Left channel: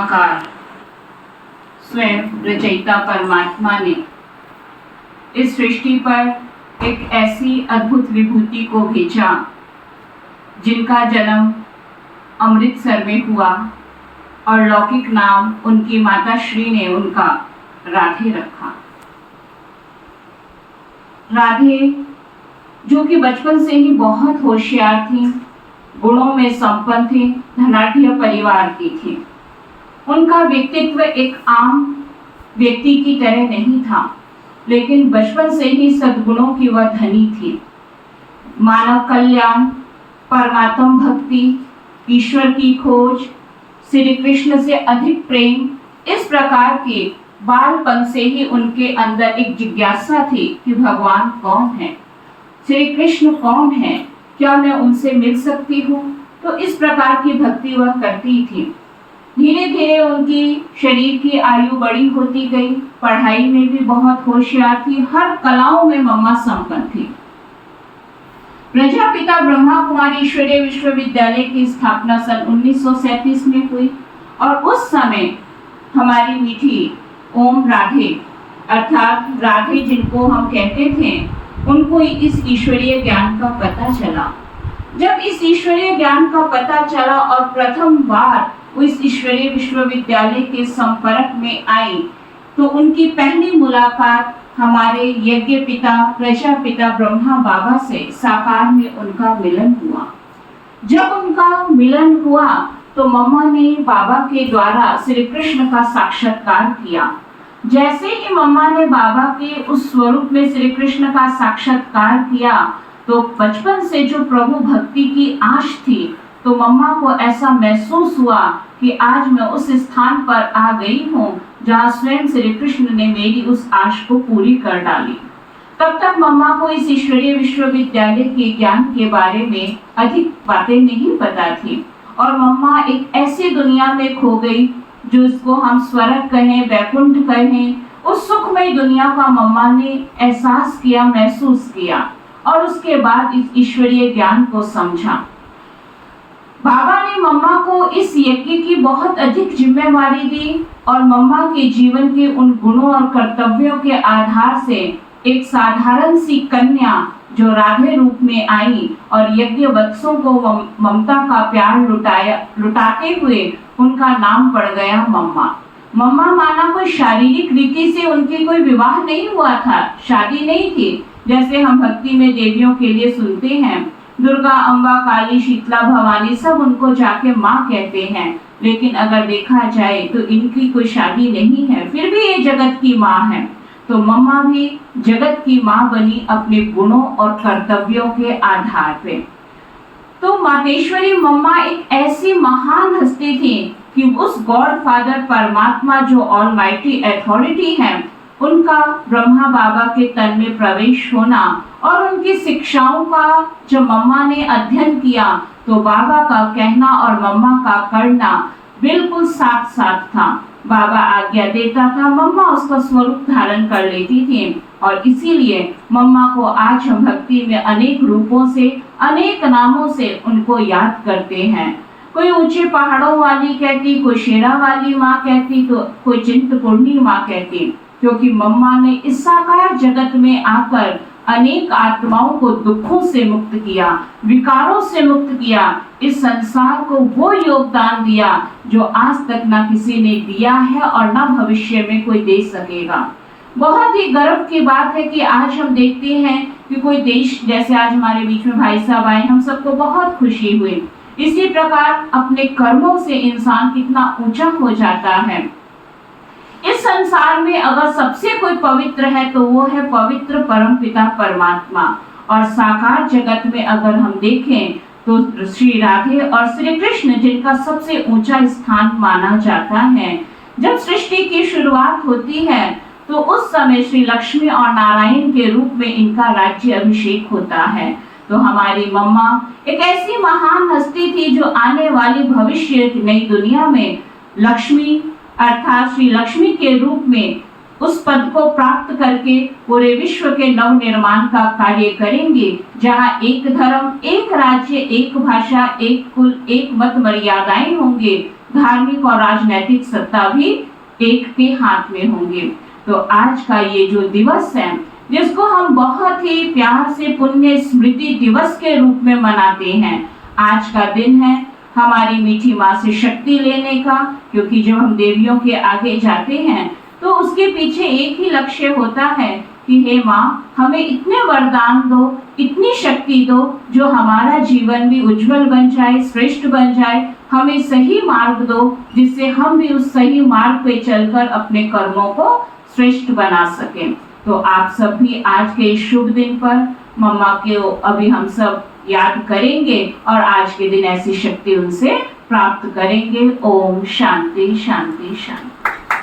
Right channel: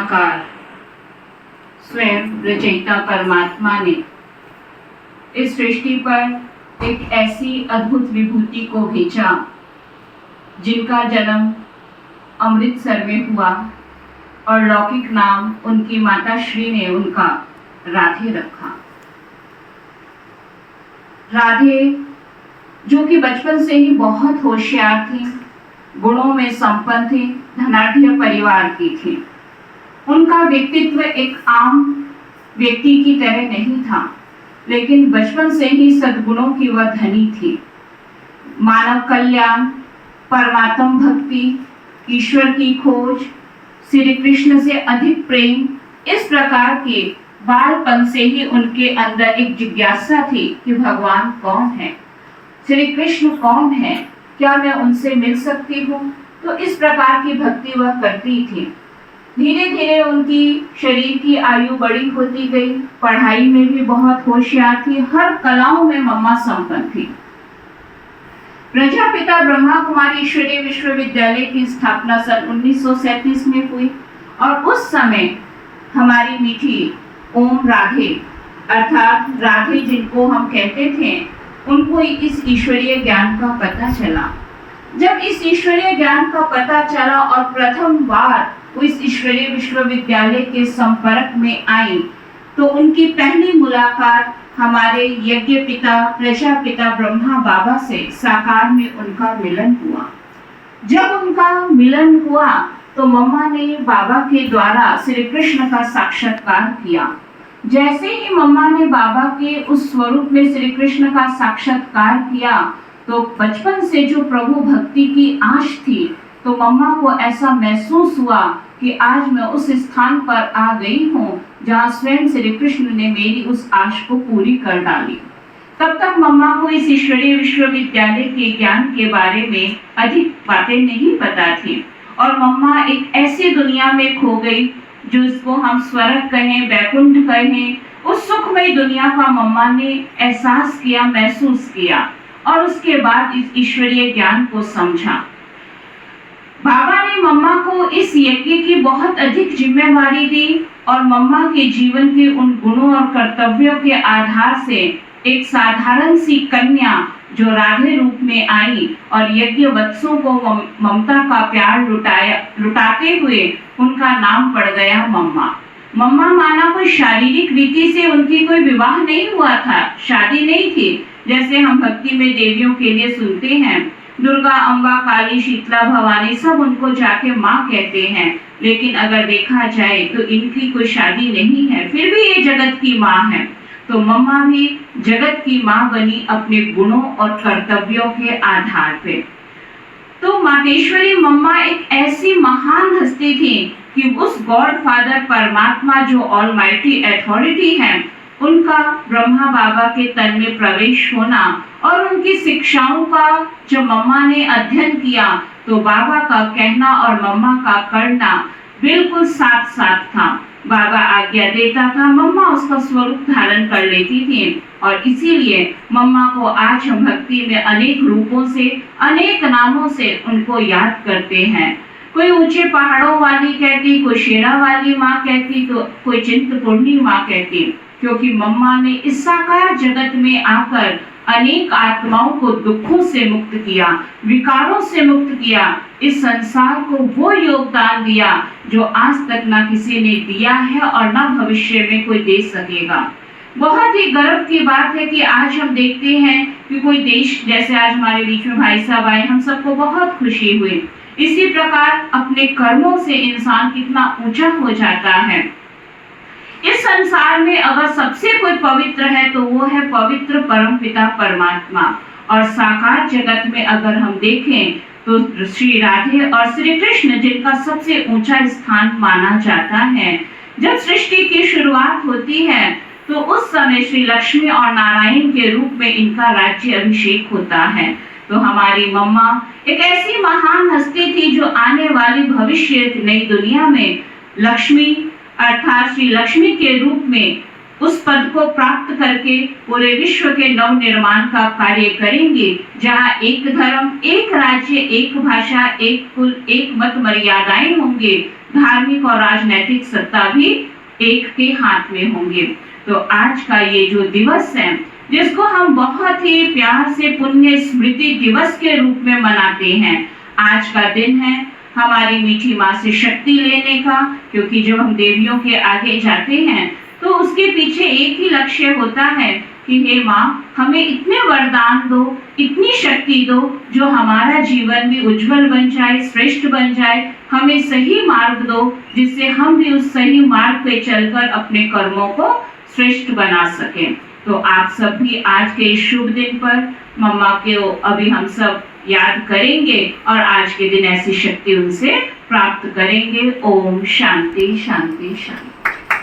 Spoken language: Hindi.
निराकार स्वयं रचयिता परमात्मा ने इस सृष्टि पर एक ऐसी अद्भुत विभूति को भेजा जिनका जन्म अमृतसर में हुआ और लौकिक नाम उनकी माता श्री ने उनका राधे रखा। राधे जो कि बचपन से ही बहुत होशियार थी, गुणों में संपन्न थी, धनाढ्य परिवार की थी। उनका व्यक्तित्व एक आम व्यक्ति की तरह नहीं था, लेकिन बचपन से ही सद्गुणों की वह धनी थी। मानव कल्याण, परमात्म भक्ति, ईश्वर की खोज, श्री कृष्ण से अधिक प्रेम, इस प्रकार के बालपन से ही उनके अंदर एक जिज्ञासा थी कि भगवान कौन है, श्री कृष्ण कौन है, क्या मैं उनसे मिल सकती हूँ। तो इस प्रकार की भक्ति वह करती थी। धीरे धीरे उनकी शरीर की आयु बड़ी होती गई, पढ़ाई में भी बहुत होशियार थी, हर कलाओं में मम्मा संपन्न थी। प्रजापिता ब्रह्मा कुमारी ईश्वरीय विश्वविद्यालय की स्थापना सन 1937 में हुई और उस समय हमारी मीठी ओम राधे अर्थात राधे जिनको हम कहते थे, उनको इस ईश्वरीय ज्ञान का पता चला। जब इस ईश्वरीय ज्ञान का पता चला और प्रथम बार वो इस ईश्वरीय विश्वविद्यालय के संपर्क में आई, तो उनकी पहली मुलाकात हमारे यज्ञ पिता प्रजापिता ब्रह्मा बाबा से साकार में उनका मिलन हुआ। जब उनका मिलन हुआ तो मम्मा ने बाबा के द्वारा श्री कृष्ण का साक्षात्कार किया। जैसे ही मम्मा ने बाबा के उस स्वरूप में श्री कृष्ण का साक्षात्कार किया, तो बचपन से जो प्रभु भक्ति की आश थी, तो मम्मा को ऐसा महसूस हुआ कि आज मैं उस स्थान पर आ गई हूँ जहाँ स्वयं श्री कृष्ण ने मेरी उस आश को पूरी कर डाली। तब तक मम्मा को इस ईश्वरीय विश्वविद्यालय के ज्ञान के बारे में अधिक बातें नहीं पता थी और मम्मा एक ऐसी दुनिया में खो गई जो इसको हम स्वर्ग कहें, वैकुंठ कहें, उस सुखमय दुनिया का मम्मा ने एहसास किया, महसूस किया और उसके बाद इस ईश्वरीय ज्ञान को समझा। बाबा ने मम्मा को इस यज्ञ की बहुत अधिक जिम्मेवारी दी और मम्मा के जीवन के उन गुणों और कर्तव्यों के आधार से एक साधारण सी कन्या जो राधे रूप में आई और यज्ञ वत्सों को ममता का प्यार लुटाते हुए उनका नाम पड़ गया मम्मा। मम्मा माना कोई शारीरिक रीति से उनकी कोई विवाह नहीं हुआ था, शादी नहीं थी, जैसे हम भक्ति में देवियों के लिए सुनते हैं, दुर्गा, अम्बा, काली, शीतला, भवानी सब उनको जाके माँ कहते हैं, लेकिन अगर देखा जाए तो इनकी कोई शादी नहीं है, फिर भी ये जगत की माँ है। तो मम्मा भी जगत की माँ बनी अपने गुणों और कर्तव्यों के आधार पे। तो मातेश्वरी मम्मा एक ऐसी महान हस्ती थी कि उस गॉड फादर परमात्मा जो ऑलमाइटी अथॉरिटी है, उनका ब्रह्मा बाबा के तन में प्रवेश होना और उनकी शिक्षाओं का जब मम्मा ने अध्ययन किया, तो बाबा का कहना और मम्मा का करना बिल्कुल साथ साथ था। बाबा आज्ञा देता था, मम्मा उसका स्वरूप धारण कर लेती थी और इसीलिए मम्मा को आज हम भक्ति में अनेक रूपों से, अनेक नामों से उनको याद करते हैं। कोई ऊंचे पहाड़ों वाली कहती, कोई शेरा वाली माँ कहती, तो कोई चिंतपूर्णी माँ कहती, क्योंकि मम्मा ने इस साकार जगत में आकर अनेक आत्माओं को दुखों से मुक्त किया, विकारों से मुक्त किया, इस संसार को वो योगदान दिया जो आज तक ना किसी ने दिया है और ना भविष्य में कोई दे सकेगा। बहुत ही गर्व की बात है कि आज हम देखते हैं कि कोई देश, जैसे आज हमारे बीच में भाई साहब आए, हम सबको बहुत खुशी हुई। इसी प्रकार अपने कर्मों से इंसान कितना ऊंचा हो जाता है। इस संसार में अगर सबसे कोई पवित्र है तो वो है पवित्र परमपिता परमात्मा। और साकार जगत में अगर हम देखें तो श्री राधे और श्री कृष्ण जिनका सबसे ऊंचा स्थान माना जाता है। जब सृष्टि की शुरुआत होती है तो उस समय श्री लक्ष्मी और नारायण के रूप में इनका राज्य अभिषेक होता है। तो हमारी मम्मा एक ऐसी महान हस्ती थी जो आने वाली भविष्य नई दुनिया में लक्ष्मी अर्थात श्री लक्ष्मी के रूप में उस पद को प्राप्त करके पूरे विश्व के नव निर्माण का कार्य करेंगे, जहाँ एक धर्म, एक राज्य, एक भाषा, एक कुल, एक मत मर्यादाएं होंगे, धार्मिक और राजनैतिक सत्ता भी एक के हाथ में होंगे। तो आज का ये जो दिवस है, जिसको हम बहुत ही प्यार से पुण्य स्मृति दिवस के रूप में मनाते हैं, आज का दिन है हमारी मीठी माँ से शक्ति लेने का। क्योंकि जब हम देवियों के आगे जाते हैं तो उसके पीछे एक ही लक्ष्य होता है कि हे माँ, हमें इतने वरदान दो, इतनी शक्ति दो, जो हमारा जीवन भी उज्जवल बन जाए, श्रेष्ठ बन जाए। हमें सही मार्ग दो, जिससे हम भी उस सही मार्ग पे चलकर अपने कर्मों को श्रेष्ठ बना सकें। तो आप सब भी आज के इस शुभ दिन पर मम्मा को अभी हम सब याद करेंगे और आज के दिन ऐसी शक्ति उनसे प्राप्त करेंगे। ओम शांति शांति शांति।